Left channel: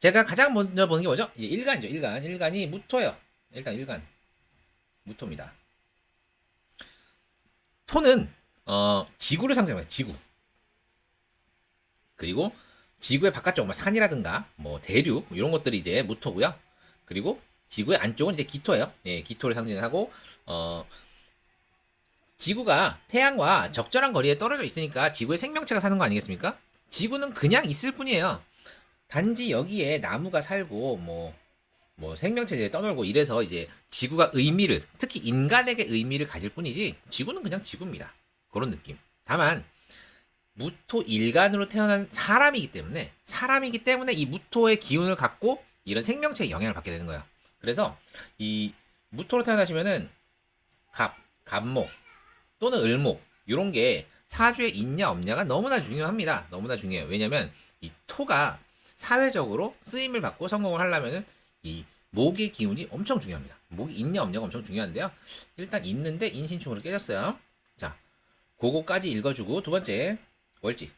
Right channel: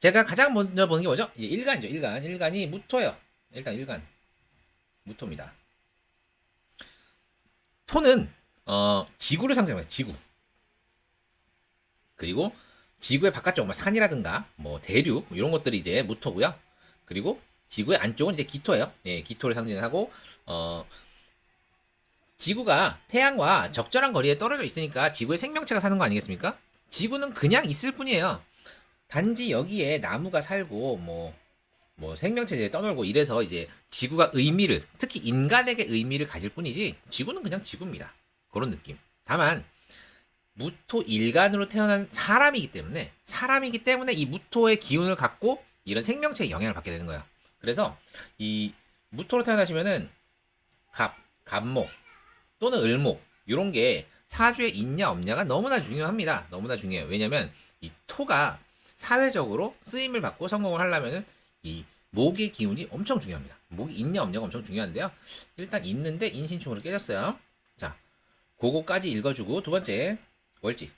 제가 가장 먼저 보는 게 뭐죠? 일간이죠. 일간. 일간이 무토예요. 일단 일간. 무토입니다. 토는 지구를 상징합니다. 지구. 그리고 지구의 바깥쪽, 뭐 산이라든가 뭐 대륙 뭐 이런 것들이 이제 무토고요. 그리고 지구의 안쪽은 이제 기토예요. 예, 기토를 상징하고 어, 지구가 태양과 적절한 거리에 떨어져 있으니까 지구의 생명체가 사는 거 아니겠습니까? 지구는 그냥 있을 뿐이에요. 단지 여기에 나무가 살고 뭐 생명체에 떠놀고 이래서 이제 지구가 의미를, 특히 인간에게 의미를 가질 뿐이지 지구는 그냥 지구입니다. 그런 느낌. 다만 무토 일간으로 태어난 사람이기 때문에 이 무토의 기운을 갖고 이런 생명체에 영향을 받게 되는 거예요. 그래서 이 무토로 태어나시면은 갑목 또는 을목 이런 게 사주에 있냐 없냐가 너무나 중요합니다. 너무나 중요해요. 왜냐면 이 토가 사회적으로 쓰임을 받고 성공을 하려면은 이 목의 기운이 엄청 중요합니다. 목이 있냐 없냐가 엄청 중요한데요. 일단 있는데 인신충으로 깨졌어요. 자, 그거까지 읽어주고 두 번째 월지.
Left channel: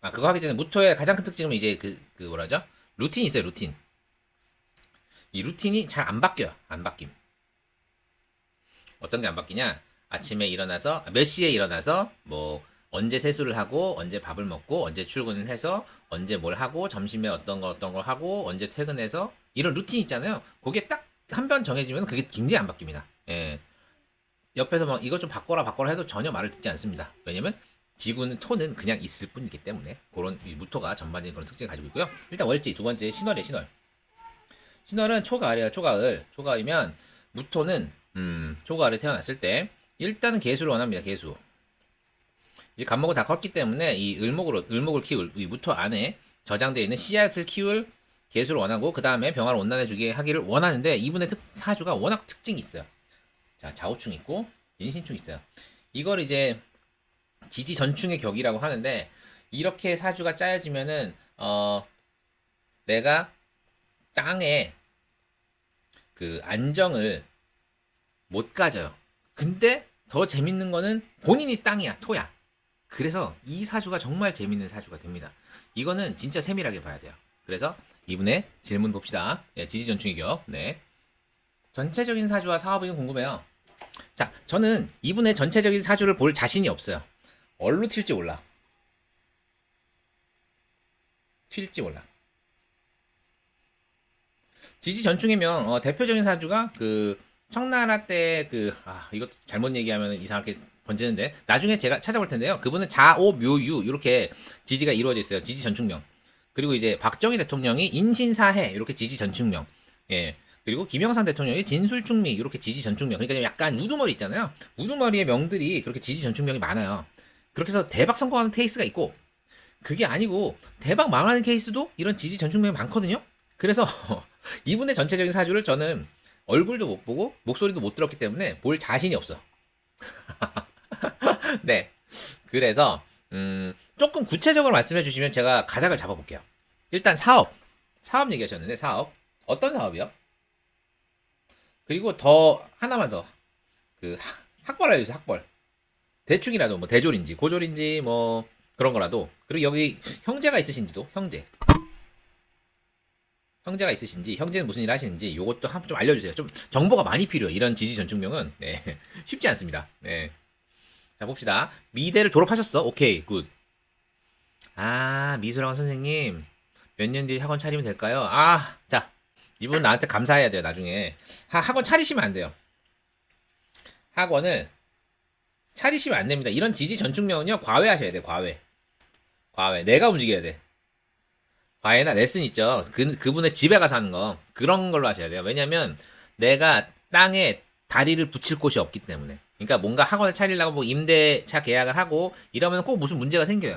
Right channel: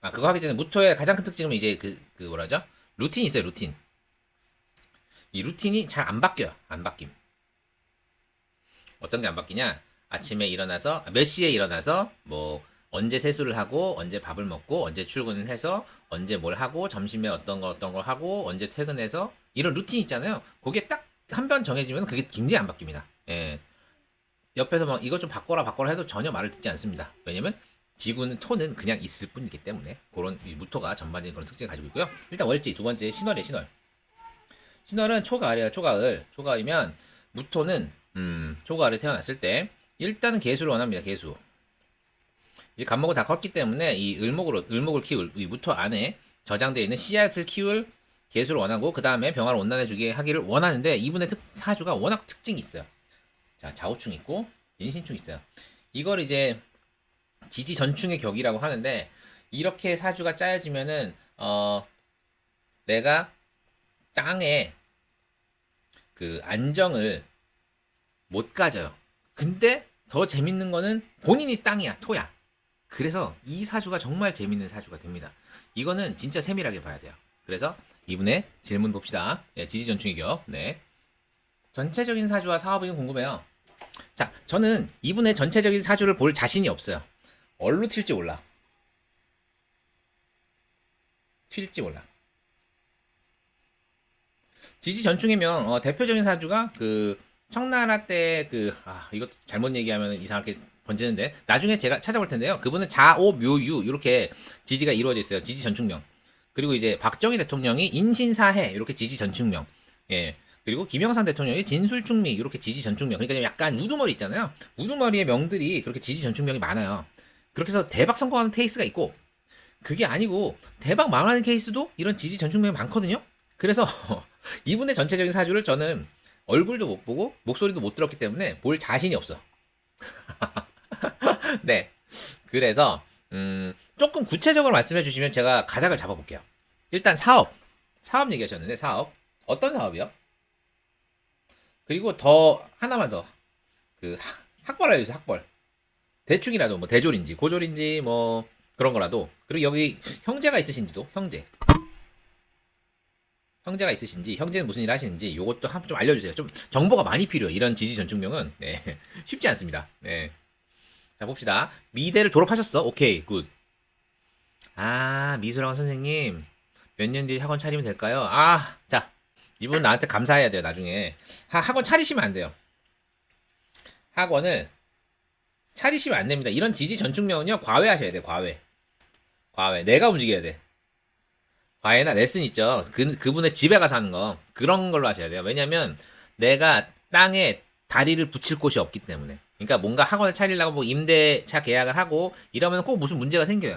그거 하기 전에 무토의 가장 큰 특징은 이제 그 뭐라죠? 루틴이 있어요, 루틴. 이 루틴이 잘 안 바뀌어요. 안 바뀜. 어떤 게 안 바뀌냐? 아침에 일어나서 몇 시에 일어나서 뭐 언제 세수를 하고 언제 밥을 먹고 언제 출근을 해서 언제 뭘 하고 점심에 어떤 거 하고 언제 퇴근해서 이런 루틴 있잖아요. 그게 딱 한 번 정해지면 그게 굉장히 안 바뀝니다. 예. 옆에서 막 이것 좀 바꿔라 해도 전혀 말을 듣지 않습니다. 왜냐면 지구는 토는 그냥 있을 뿐이기 때문에 그런 무토가 전반적인 그런 특징을 가지고 있고요. 일단 월지 두 번째 신월이 신월. 신월은 초가을이에요. 초가을. 초가을이면 무토는 초가을에 태어났을 때 일단은 개수를 원합니다. 개수. 이제 갑목은 다 컸기 때문에 이 을목을 키울 이 무토 안에 저장되어 있는 씨앗을 키울 개수를 원하고 그 다음에 병화를 온난해 주게 하기를 원하는데 이분의 사주가 워낙 특징이 있어요. 자, 좌우충 있고 인신충 있어요. 이걸 이제 지지전충의 격이라고 하는데 이렇게 사주가 짜여지면은 내가 땅에 그 안정을 못 가져요. 근데 더 재밌는 거는 본인이 땅이야, 토야. 그래서 이 사주가 정말 재밌는 사주가 됩니다. 이거는 진짜 세밀하게 봐야 돼요. 그래서 이분의 질문 봅시다. 네, 지지전충의 격. 네. 전체적인 사주와 사업이 궁금해요. 자, 저는 이분의 전체적인 사주를 볼 자신이 없어요. 얼로 튈지 몰라. 튈지 몰라. 지지전충이면 대표적인 사주가 그 청나라 때 이것도 잘못 얘기하면 이상하게 번지는데 나중에 제가 찾아볼 텐데요. 그분은 자오묘유 이렇게 지지가 이루어져 있어요. 지지전충명. 그리고 이제 박정희 대통령이 인신사해 이렇게 지지전충명. 예. 그리고 김영삼 대통령이 진술충미 이렇게 지지전충명. 그러니까 약간 우두머리 있잖아요. 우두머리의 명들이 그렇게 지지전충명이 많아요. 그렇게 해서 대박 성공하는 케이스가 있고 그게 아니고 대박 망하는 케이스도 이런 지지전충명이 많거든요. 그래서 이분의 전체적인 사주를 저는 얼굴도 못 보고 목소리도 못 들었기 때문에 볼 자신이 없어. 네. 그래서 조금 구체적으로 말씀해 주시면 제가 가닥을 잡아볼게요. 일단 사업. 사업 얘기하셨는데 사업. 어떤 사업이요? 그리고 더 하나만 더. 그 학벌 알려주세요. 학벌. 대충이라도 뭐 대졸인지 고졸인지 뭐 그런 거라도. 그리고 여기 형제가 있으신지도 형제. 형제가 있으신지, 형제는 무슨 일 하시는지, 요것도 좀 알려주세요. 좀 정보가 많이 필요해요. 이런 지지전충명은. 네. 쉽지 않습니다. 네. 자, 봅시다. 미대를 졸업하셨어. 오케이, 굿. 미술학원 선생님. 몇 년 뒤에 학원 차리면 될까요? 자. 이분 나한테 감사해야 돼요, 나중에. 학원 차리시면 안 돼요. 학원을 차리시면 안 됩니다. 이런 지지전충명은요, 과외하셔야 돼요, 과외. 과외. 내가 움직여야 돼. 과외나 레슨 있죠. 그분의 집에 가서 하는 거. 그런 걸로 하셔야 돼요. 왜냐면 내가 땅에 다리를 붙일 곳이 없기 때문에. 그러니까 뭔가 학원을 차리려고 뭐 임대차 계약을 하고 이러면 꼭 무슨 문제가 생겨요.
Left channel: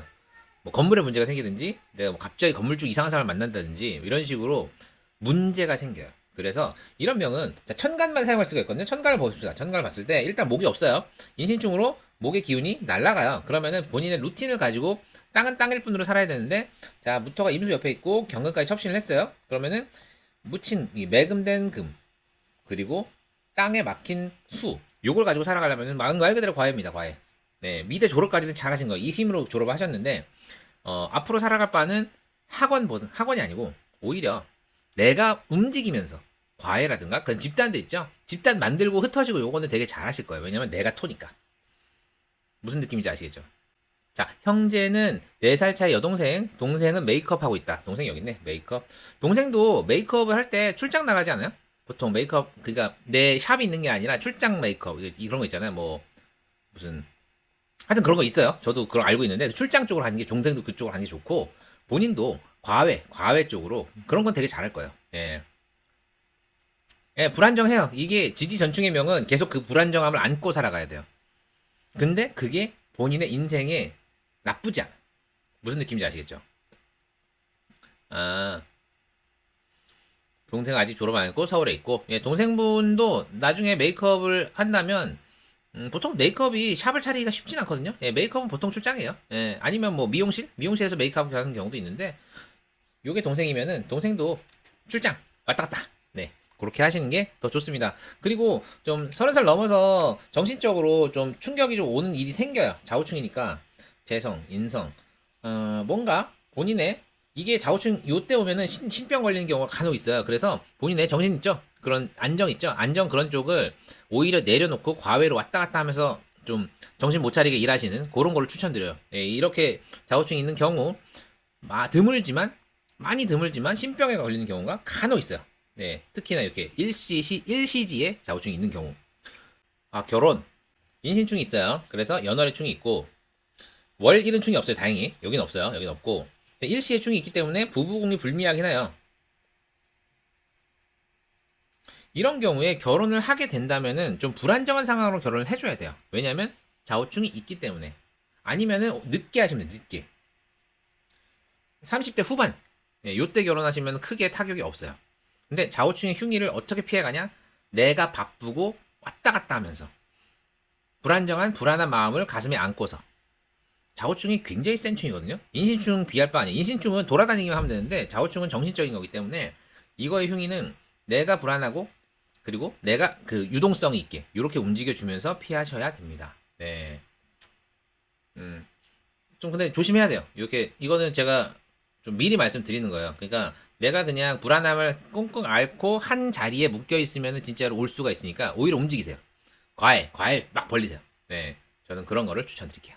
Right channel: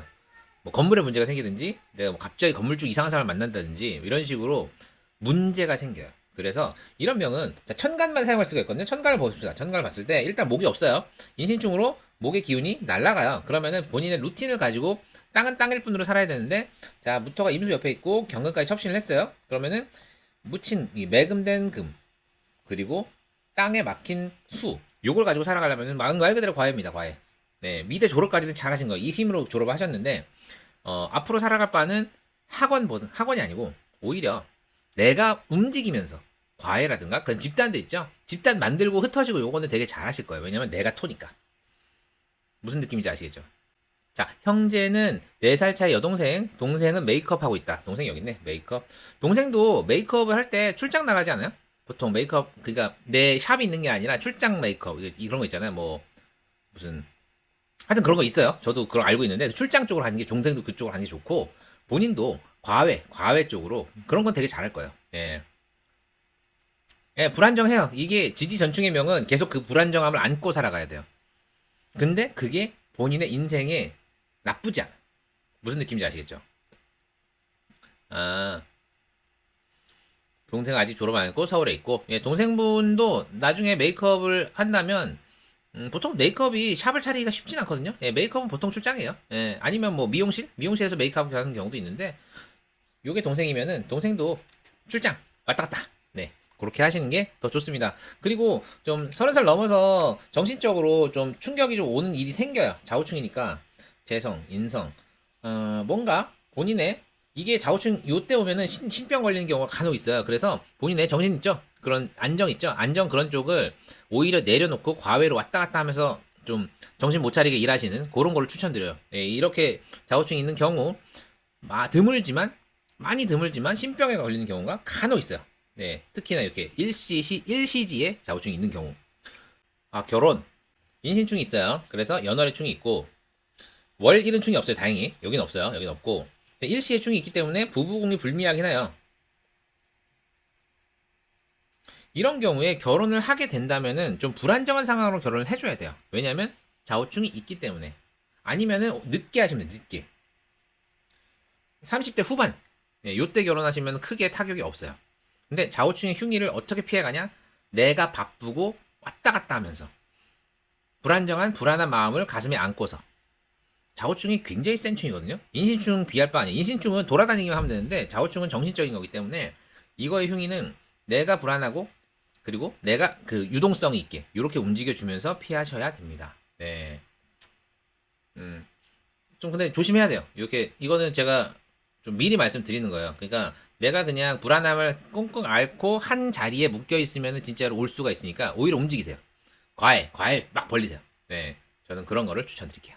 뭐 건물에 문제가 생기든지 내가 뭐 갑자기 건물주 이상한 사람을 만난다든지 이런 식으로 문제가 생겨요. 그래서 이런 병은 천간만 사용할 수가 있거든요. 천간을 보십시다. 천간을 봤을 때 일단 목이 없어요. 인신충으로 목의 기운이 날아가요. 그러면은 본인의 루틴을 가지고 땅은 땅일 뿐으로 살아야 되는데 자 무토가 임수 옆에 있고 경금까지 첩신을 했어요. 그러면은 묻힌 이 매금된 금 그리고 땅에 막힌 수 요걸 가지고 살아가려면 말 그대로 과외입니다. 과외. 네 미대 졸업까지는 잘하신 거예요. 이 힘으로 졸업하셨는데 앞으로 살아갈 바는 학원이 아니고 오히려 내가 움직이면서 과외라든가 그런 집단도 있죠. 집단 만들고 흩어지고 요거는 되게 잘하실 거예요. 왜냐면 내가 토니까. 무슨 느낌인지 아시겠죠? 자, 형제는 4살 차이 여동생, 동생은 메이크업 하고 있다. 동생 여기 있네, 메이크업. 동생도 메이크업을 할 때 출장 나가지 않아요? 보통 메이크업, 그러니까 내 샵이 있는 게 아니라 출장 메이크업, 이런 거 있잖아요. 뭐, 무슨, 하여튼 그런 거 있어요. 저도 그걸 알고 있는데, 출장 쪽으로 하는 게, 동생도 그쪽으로 하는 게 좋고, 본인도 과외 쪽으로, 그런 건 되게 잘할 거예요. 예. 예, 불안정해요. 이게 지지전충의 명은 계속 그 불안정함을 안고 살아가야 돼요. 근데 그게 본인의 인생에 나쁘지 않아. 무슨 느낌인지 아시겠죠? 아, 동생 아직 졸업 안 했고 서울에 있고, 예, 동생분도 나중에 메이크업을 한다면 보통 메이크업이 샵을 차리기가 쉽진 않거든요. 예, 메이크업은 보통 출장이에요. 예, 아니면 뭐 미용실에서 메이크업 하는 경우도 있는데, 요게 동생이면은 동생도 출장 왔다 갔다. 네, 그렇게 하시는 게 더 좋습니다. 그리고 좀 30살 넘어서 정신적으로 좀 충격이 좀 오는 일이 생겨요. 좌우충이니까 재성, 인성, 뭔가 본인의 이게 좌우충 요때 오면은 신병 걸리는 경우가 간혹 있어요. 그래서 본인의 정신 있죠? 그런 안정 있죠? 안정 그런 쪽을 오히려 내려놓고 과외로 왔다 갔다 하면서 좀 정신 못 차리게 일하시는 그런 거를 추천드려요. 예, 이렇게 좌우충이 있는 경우 드물지만 많이 드물지만 신병에 걸리는 경우가 간혹 있어요. 네, 특히나 이렇게 일시지에 좌우충이 있는 경우. 아, 결혼. 인신충이 있어요. 그래서 연월의 충이 있고, 월 1은 충이 없어요, 다행히. 여긴 없어요. 여긴 없고. 일시의 충이 있기 때문에 부부공이 불미하긴 해요. 이런 경우에 결혼을 하게 된다면은 좀 불안정한 상황으로 결혼을 해줘야 돼요. 왜냐면 좌우충이 있기 때문에. 아니면은 늦게 하시면 돼요, 늦게. 30대 후반. 예, 요때 결혼하시면 크게 타격이 없어요. 근데 좌우충의 흉기를 어떻게 피해가냐? 내가 바쁘고 왔다 갔다 하면서 불안한 마음을 가슴에 안고서 좌우충이 굉장히 센 충이거든요. 인신충 비할 바 아니에요. 인신충은 돌아다니기만 하면 되는데 좌우충은 정신적인 거기 때문에 이거의 흉기는 내가 불안하고 그리고 내가 그 유동성이 있게 이렇게 움직여주면서 피하셔야 됩니다. 네. 좀 근데 조심해야 돼요. 이렇게 이거는 제가 좀 미리 말씀드리는 거예요. 그러니까 내가 그냥 불안함을 꽁꽁 앓고 한 자리에 묶여 있으면 진짜로 올 수가 있으니까 오히려 움직이세요. 과외 막 벌리세요. 네, 저는 그런 거를 추천드릴게요.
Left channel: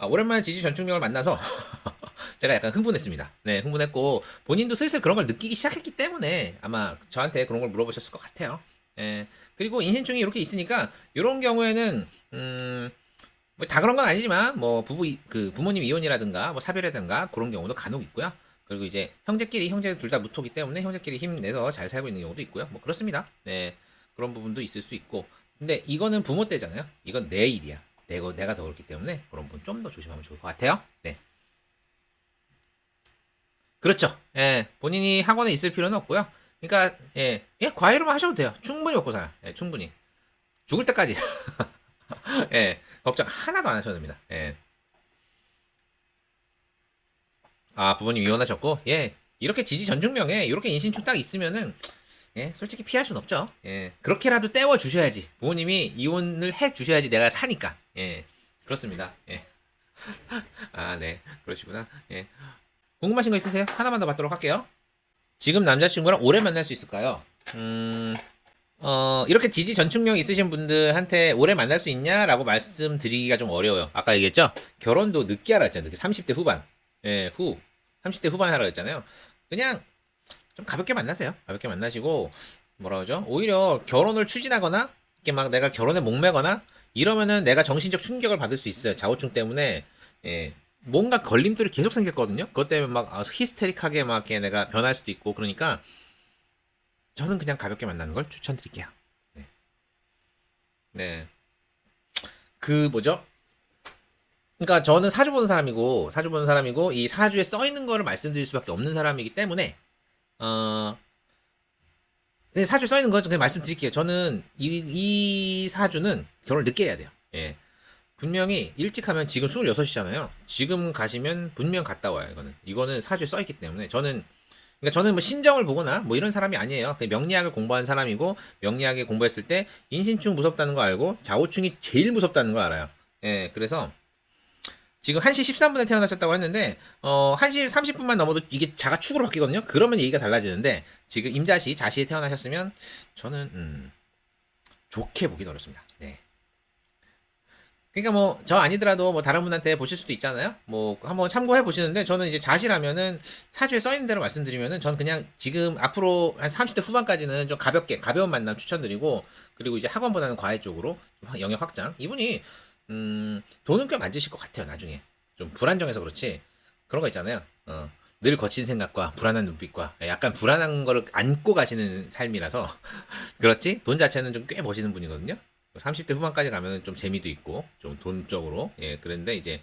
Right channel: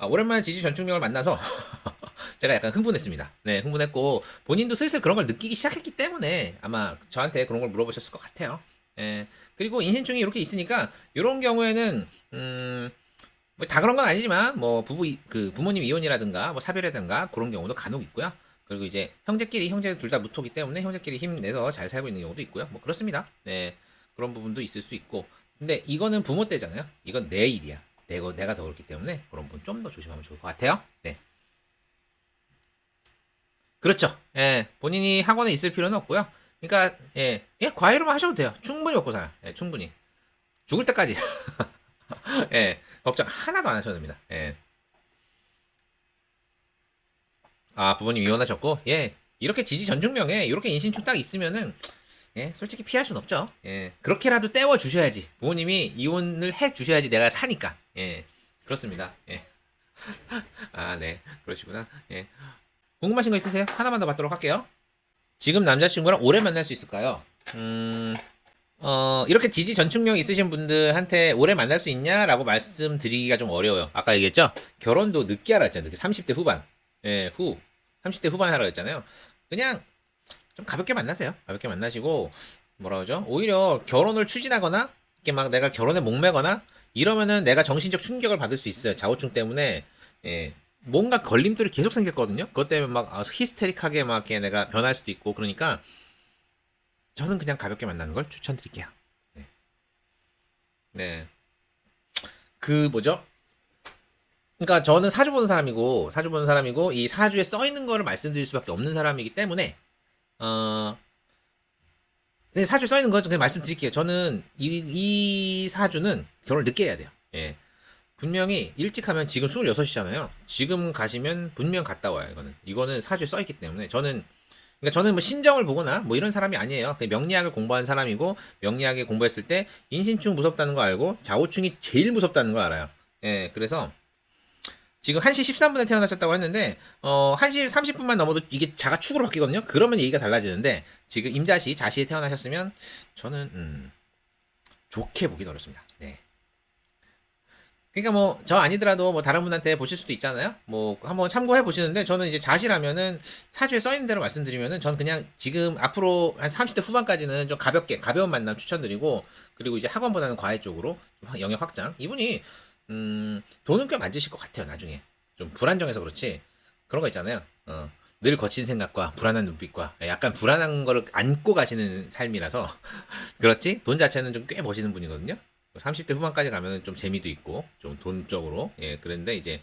오랜만에 지지 전충력을 만나서 제가 약간 흥분했습니다. 네, 흥분했고 본인도 슬슬 그런 걸 느끼기 시작했기 때문에 아마 저한테 그런 걸 물어보셨을 것 같아요. 예, 그리고 인신충이 이렇게 있으니까 이런 경우에는 뭐다 그런 건 아니지만 뭐 부모님 이혼이라든가 뭐 사별이라든가 그런 경우도 간혹 있고요. 그리고 이제 형제이 둘 다 무토기 때문에 형제끼리 힘내서 잘 살고 있는 경우도 있고요. 뭐 그렇습니다. 그런 부분도 있을 수 있고. 근데 이거는 부모 때잖아요. 이건 내 일이야. 내가 더 그렇기 때문에 그런 부분 좀 더 조심하면 좋을 것 같아요. 네. 그렇죠. 예, 본인이 학원에 있을 필요는 없고요. 그러니까 과외로만 하셔도 돼요. 충분히 먹고 살아요. 예, 충분히 죽을 때까지. 예, 걱정 하나도 안 하셔도 됩니다. 예. 아, 부모님 이혼하셨고, 예, 이렇게 지지 전증명에 이렇게 인신충 딱 있으면은 예, 솔직히 피할 순 없죠. 예, 그렇게라도 떼워 주셔야지. 부모님이 이혼을 해 주셔야지 내가 사니까. 예, 그렇습니다. 예. 아, 네, 그러시구나. 예. 궁금하신 거 있으세요? 하나만 더 받도록 할게요. 지금 남자친구랑 오래 만날 수 있을까요? 이렇게 지지 전충력 있으신 분들한테 오래 만날 수 있냐라고 말씀드리기가 좀 어려워요. 아까 얘기했죠? 결혼도 늦게 하라 했잖아요. 30대 후반. 예, 30대 후반 하라 했잖아요. 그냥 좀 가볍게 만나세요. 가볍게 만나시고, 뭐라 그러죠? 오히려 결혼을 추진하거나, 이렇게 막 내가 결혼에 목매거나, 이러면은 내가 정신적 충격을 받을 수 있어요. 좌우충 때문에. 예. 뭔가 걸림돌이 계속 생겼거든요. 그것 때문에 막 히스테릭하게 막 이렇게 내가 변할 수도 있고, 그러니까 저는 그냥 가볍게 만나는 걸 추천드릴게요. 네. 네. 그 뭐죠? 그러니까 저는 사주 보는 사람이고 이 사주에 써 있는 거를 말씀드릴 수밖에 없는 사람이기 때문에 어, 네, 사주에 써 있는 거 그냥 말씀드릴게요. 저는 이 사주는 결혼을 늦게 해야 돼요. 예. 분명히 일찍 하면 지금 26이잖아요. 지금 가시면 분명 갔다 와요. 이거는 사주에 써 있기 때문에 그러니까 저는 뭐 신정을 보거나 뭐 이런 사람이 아니에요. 그냥 명리학을 공부한 사람이고 명리학에 공부했을 때 인신충 무섭다는 거 알고 좌우충이 제일 무섭다는 거 알아요. 예, 그래서 지금 1시 13분에 태어나셨다고 했는데 1시 30분만 넘어도 이게 자가 축으로 바뀌거든요. 그러면 얘기가 달라지는데 지금 임자시, 자시에 태어나셨으면 저는 좋게 보긴 어렵습니다. 네. 그러니까 뭐 저 아니더라도 뭐 다른 분한테 보실 수도 있잖아요. 뭐 한번 참고해 보시는데 저는 이제 자시라면은 사주에 써 있는 대로 말씀드리면은 저는 그냥 지금 앞으로 한 30대 후반까지는 좀 가벼운 만남 추천드리고 그리고 이제 학원보다는 과외 쪽으로 좀 영역 확장. 이분이 돈은 꽤 만드실 것 같아요. 나중에 좀 불안정해서 그렇지 그런 거 있잖아요. 늘 거친 생각과 불안한 눈빛과 약간 불안한 거를 안고 가시는 삶이라서 그렇지? 돈 자체는 좀 꽤 버시는 분이거든요. 30대 후반까지 가면 좀 재미도 있고 좀 돈적으로 그런데 이제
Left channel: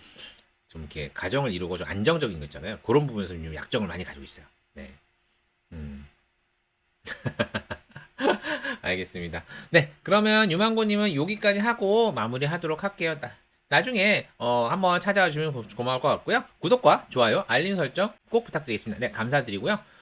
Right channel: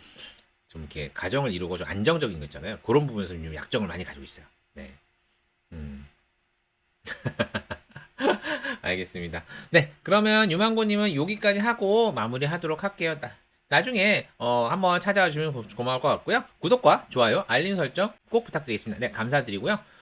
좀 이렇게 가정을 이루고 좀 안정적인 거 있잖아요. 그런 부분에서 약점을 많이 가지고 있어요. 네. 음. 알겠습니다. 네, 그러면 유망고님은 여기까지 하고 마무리하도록 할게요. 나중에 한번 찾아와 주면 고마울 것 같고요. 구독과 좋아요, 알림 설정 꼭 부탁드리겠습니다. 네, 감사드리고요.